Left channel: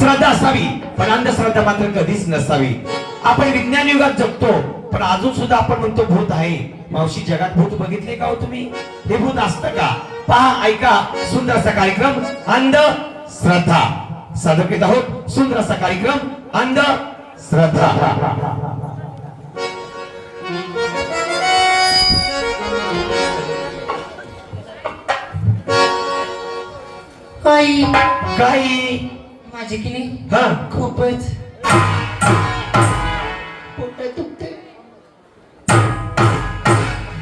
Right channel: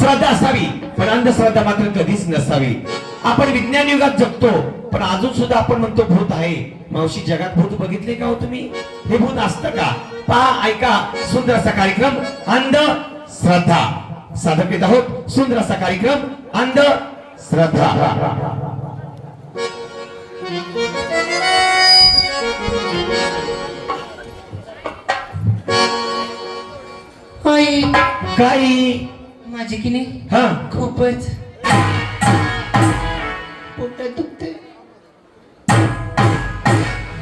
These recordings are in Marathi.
श्रद्धा असावी. पण अंधश्रद्धा मात्र कधीच नसावी. आपण विज्ञान युगात जगतो पण अजून सुद्धा आपण म्हणतो भूत आहे. मावशी जगात भूत बघितले का हो तुम्ही? हे भूत असतं का? पहा ऐका सुंदर असा कार्यक्रम अंध श्रद्धा सादर करीत आहोत. सुंदर असा कार्यक्रम अंध श्रद्धा काही माझी की नाही? हा. खूपच. पोट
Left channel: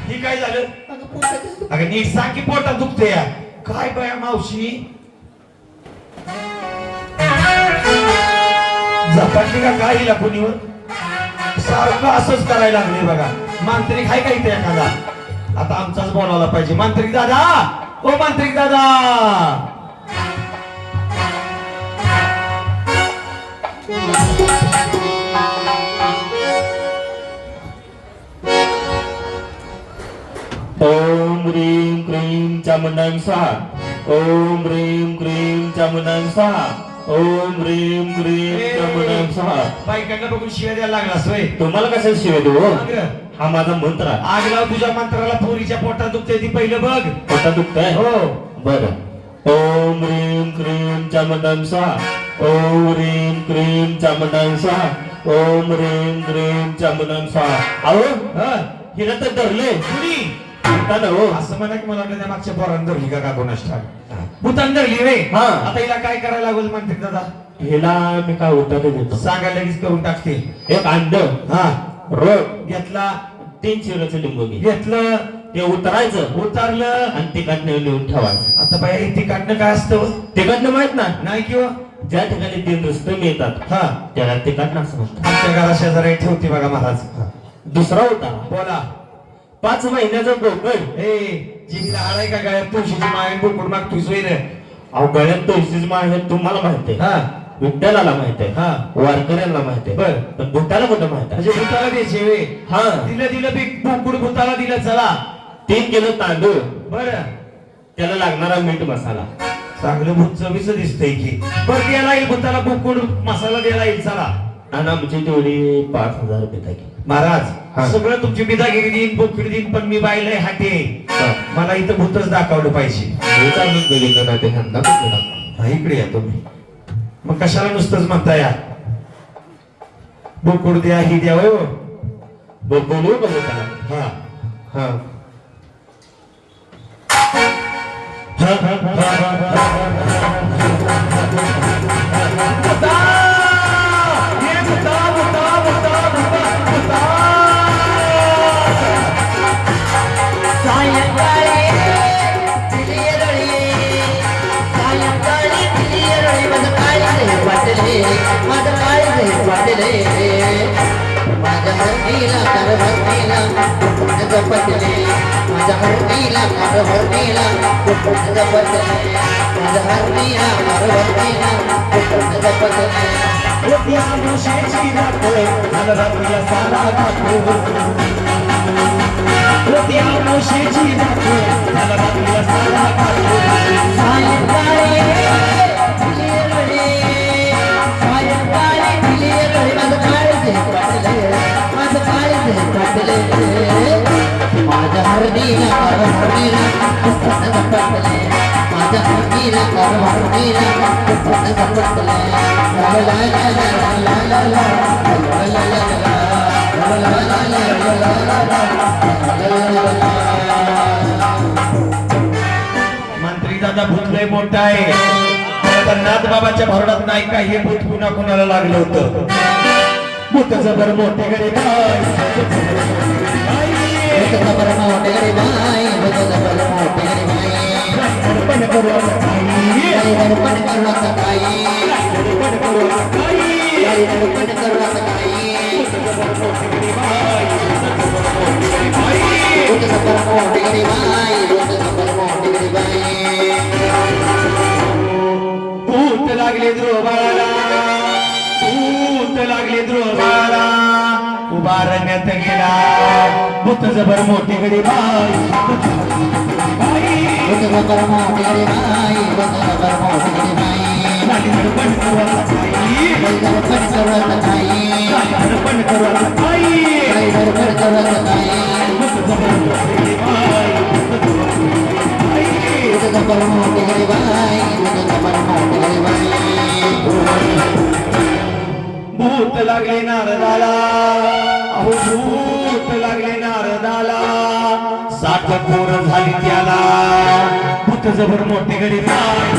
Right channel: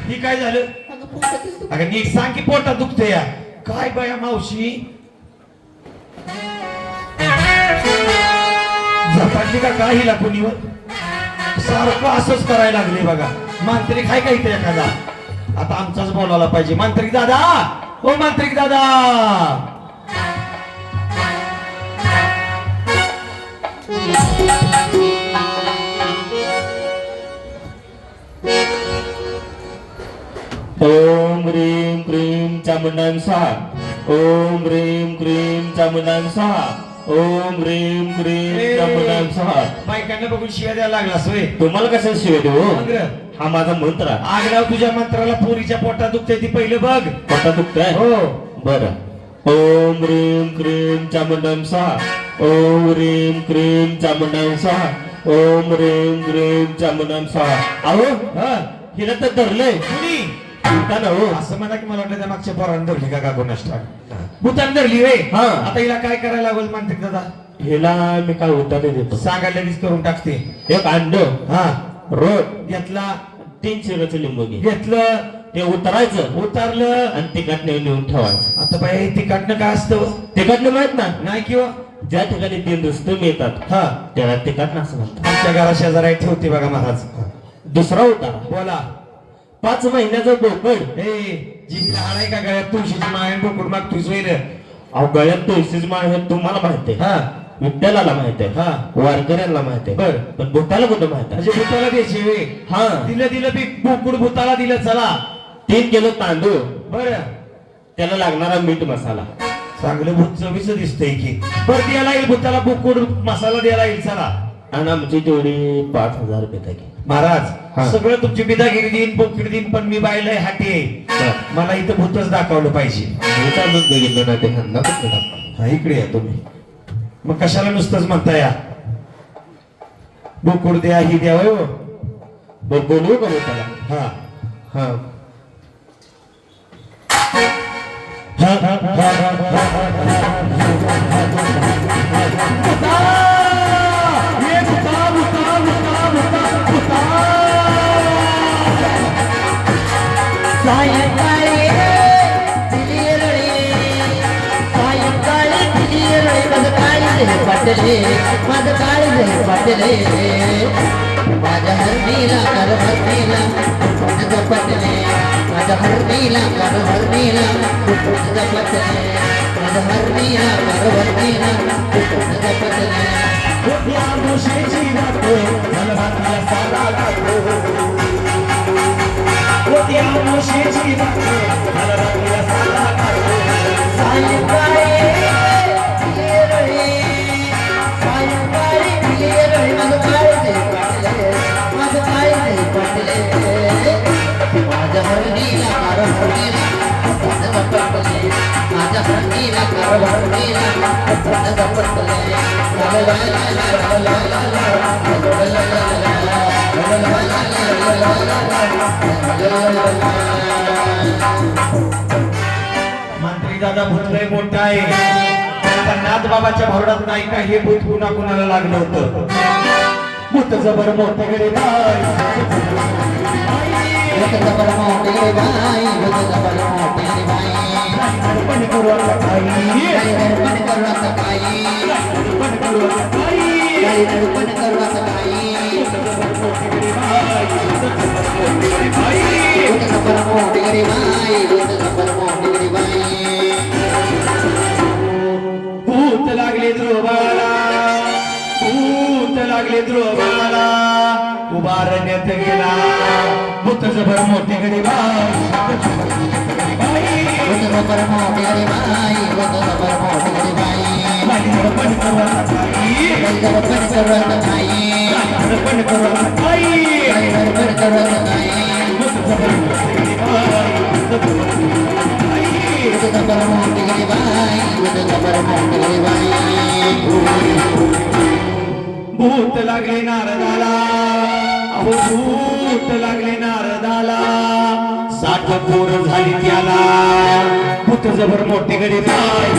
हे काय झालं? माझं. अगं नीट सांग की पोटात दुखते या. काय बाया मावशी? झपाटली का काय हिला कोणीवर? सारखं असंच करायला लागले बघा. मांत्रिक आहे का इथे एखादा? आता आमचाच बोलावला पाहिजे. मांत्रिक दादा! ओ मांत्रिक दादा! ओम ह्रीं क्रीं चामुंडां स्वाहा ओम ह्रीं क्रीं चामुंडां स्वाहा ओम ह्रीं क्रीं चामुंडां स्वाहा बायकांना बघून शिव्या द्यायला लागलास रे. तुम्हाला कसं शिवे देऊ रे. हा माझा मंत्र आहे. आगराव तुझ्या मंत्राला पोरीच्या पोटात दुखते ती पहिलं बघ. पोटा दुखतंय? हो. बर. ओम ह्रीं क्रीं चामुंडां स्वाहा ओम ह्रीं क्रीं स्वाहा ओम ह्रीं क्रीं चामुंडां स्वाहा अहो हा हिला तर धरलंय कुणी? उठा ना हो. असं म्हणा की मला वाटतं त्या मागच्या पोरानं धरली का का ठाऊक भूतान धरली रे हा. आता हिला काय करायला लागेल म्हणते दादा? हिला मी काय उठाने देतो. सांगा लगेच करून टाकते. एक अंड. हा. रोग. घेतला. तीन शिराचं लिंबू घे. घेतलं. ते उतरायचं. उतारलं. आणि तिकडनं नेऊन ठेवायचं. आता बाई तिकडनं काय असतं? तिकडनं माहीत ना नाही किंवा? ज्या ठिकाणी तीन रस्ते मिळतात हा त्याला तिकडनं असं म्हणतात. आमच्या शेजारी ठेवते बघा महाराज. दुसरा होता. बोला. पाच महिन्याचा बोकड हे जीवीला आलाय का गळ्यात? तुळशीची माय बोकड सोय रे. अहो गळ्यात तुळशीच माळ हे तुम्हाला माहीत आहे. हा. विठ्ठलाला माहीत आहे. हा. वारकऱ्यांना माहीत आहे. बर. पण भूताला कुठं माहीत आहे? म्हणजे भूताला द्यायचे वे हा. दिलं दिलं बी बोकुड भूताला दिलं चला. तीन किलो तांदूळ. बर. त्याला लागणारा मीठ मसाला. चांगलं भूत चवीच दिसतंय की. बरं द्यायला येईल भूताला बोकुड मसाला द्यायला येईल चला. आणि आमची तेवढी पाच हजार रुपये टाकी. महाराज सगळं तुमची बिदागिरी देईन बोकडी देईन पण मी बायलाय हाटे. मला इथं भूतच दाखवलं पाहिजे. मी चालून बघितलं नाही ते ह्यांना कुठं दाखव. हा इकडे या तुम्ही. मग कशाला नुसतंच म्हणता या? बोकुड द्या ही द्या हो. ब- बोलवू का भूताला हा. हा. வட்டலே வந்த காயிலே வட்டலே माझ्या हरणीला कर हरणीला जपतले माझ्या हरणीला कर हरणीला जपतले माझ्या हरणीला कर हरणीला जपतले या गोष्टीची राखोय मला सारा गातो या गोष्टीची भरडात नाही का हे भूत पुन्हा कोणाला लागलं होतं? भूत जबर मोठे गरीब पण करू काही. पण करू काही. भूत लागले ध्रुवाला भूत लागले ध्रुवाला उभारण्यात गेला. भूत जबर मोठी गडी बाई भूत जबर मोठी गडी बाई भूत जबर मोठी गडी बाई. भूत लागले नारदाला भूत लागले नारदाला सात पोर झाली त्याला. முருகன் முட்டிகளை தாய்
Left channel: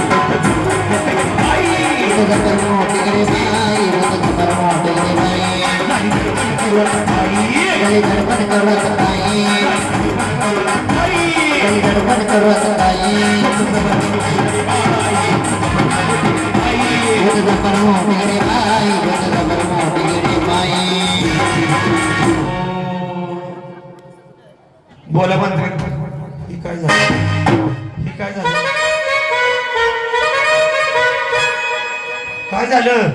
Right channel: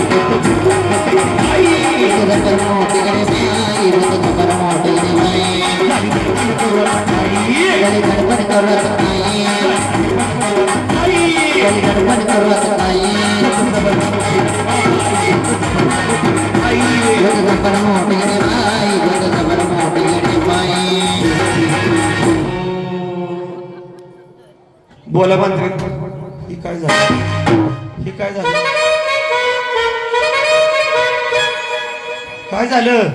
முருகன் முட்டிகளை தாய் முருகன் முட்டிகளை தாய் வழிகருவன் கருவன் தாய் வழிகருவன் काय झालं?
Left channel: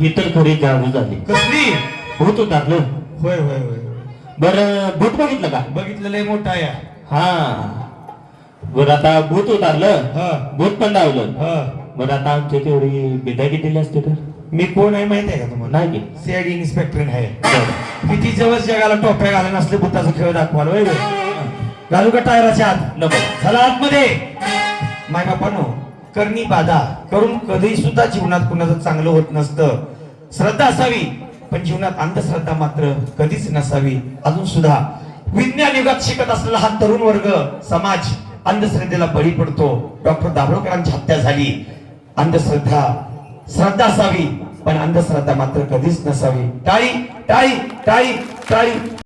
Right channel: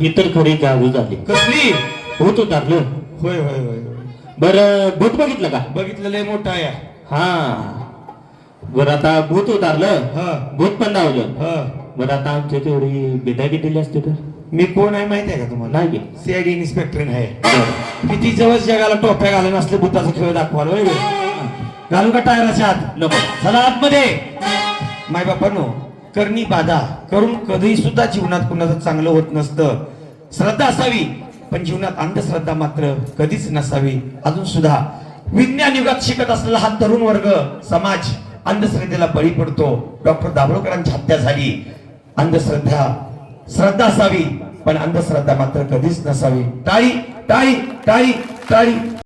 ही तर खरी जादू झाली. कसली? भूत उतारलं होय होय होय होय. बर भूत बघितलं का? बघितलं लय मोठा आहे. हा. बर आता भूत उतारलं हा. भूत पण लावलं हा. बर आता आमच्या तेवढी बेदागी दिली असते तर? मी कोण आहे माहिती आहे का तुम्हाला? नाही की. सीआयडी इन्स्पेक्टर आहे. किती जवळ जगाला टोप्या घालून असले भूताचा खेळ दाखवाल होय? घालू का टायराच्या आत? नको. चला आतमध्ये. माय बापानो करणी बाधा करून कधी सुद्धा जीवनात कुणाचं चांगलं होत नसतं. श्रद्धा असावी पण जीवनात अंधश्रद्धा मात्र कधीच नसावी. अजून सुद्धा विज्ञान युगात शिकत असलेला हा तरुण वर्ग समाज अंधश्रद्धेला बळी पडतो. डॉक्टर दाभोळकरांची हत्या झाली. अंधश्रद्धा श्रद्धा असावी पण अंधश्रद्धा मात्र कधीच नसावी. टाळी टाळी टाळी टाळी.